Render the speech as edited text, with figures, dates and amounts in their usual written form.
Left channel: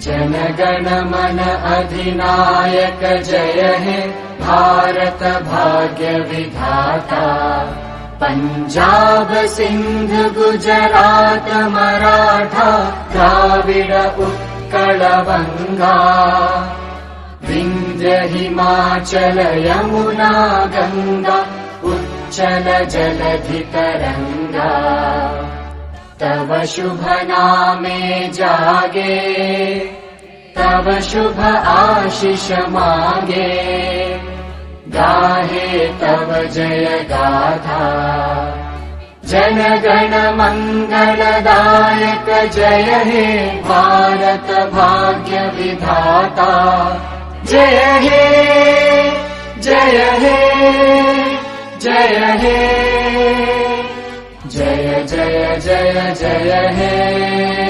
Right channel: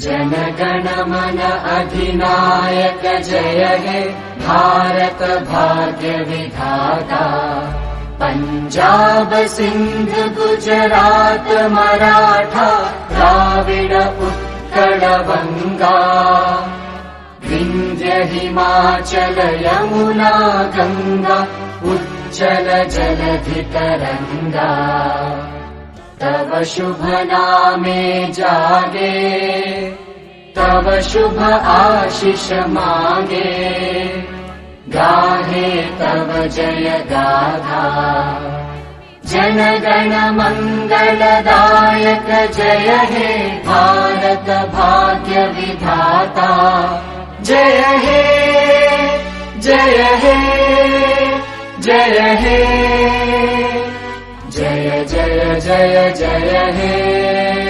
जन गण मन अधिनायक जय हे भारत भाग्य विधाता। पंजाब सिंध गुजरात मराठा द्राविड उत्कल बंगा। विंध्य हिमाचल यमुना गंगा उच्चल जलधि तरंगा। तव शुभ नामे जागे तव शुभ आशीष मागे। गाहे तव जय गाथा जन गण मंगलदायक जय हे भारत भाग्य विधाता। जय हे जय हे जय हे जय जय जय जय हे।